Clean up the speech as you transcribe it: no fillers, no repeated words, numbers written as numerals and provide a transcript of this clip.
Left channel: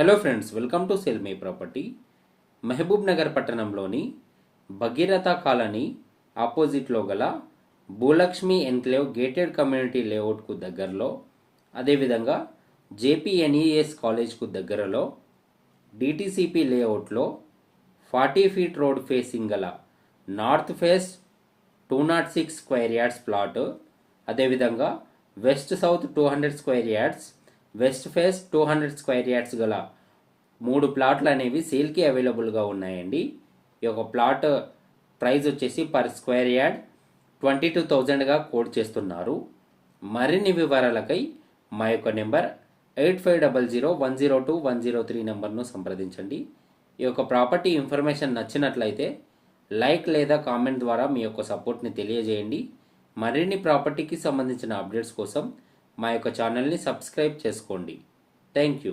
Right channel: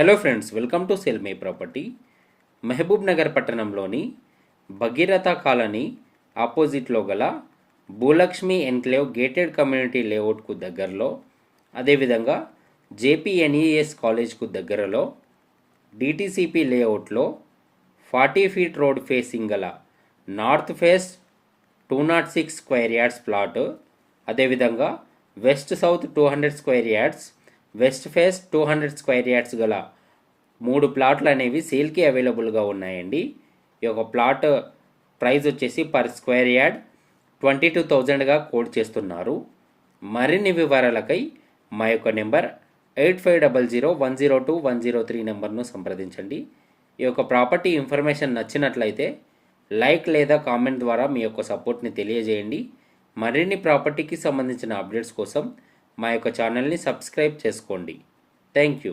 Hello friends, welcome to sell my property. Mahabubnagar పట్టణంలోని Bhageeratha colony ఆపోజిట్లో గల భూలక్ష్మి ఎన్క్లేవ్ గేటెడ్ కమ్యూనిటీ లేఅవుట్కు దగ్గరలో, అదేవిధంగా జేపీఎన్ఈఎస్ కాలేజ్కు దగ్గరలో డిటిసిపి లేఅవుట్లో 40 ఫీట్ రోడ్ ఫేసింగ్ గల north face 206 square yards plot, అదేవిధంగా west south 200 square yards, west face 200 square yards గల 3 ప్లాట్లు అనేవి సేల్కి అవైలబుల్గా ఉన్నాయండి. ఈ యొక్క ప్లాట్ ప్రైస్ వచ్చేసి పర్ స్క్వేర్ యార్డ్ 22,000గా కోట్ చేస్తున్నారు. మరిన్ని వివరాలకై మా యొక్క నెంబర్ 8500102103 నెంబర్ను సంప్రదించండి. ఈ యొక్క ప్రాపర్టీ ఇన్ఫర్మేషన్ నచ్చినట్లయితే లైక్ లేదా కామెంట్ ద్వారా మీ యొక్క సపోర్ట్ని తెలియజేయండి. మరిన్ని ప్రాపర్టీకి సంబంధించిన అప్డేట్స్ కోసం మా యొక్క ఛానల్ని సబ్స్క్రైబ్ చేసుకోండి. Thank you.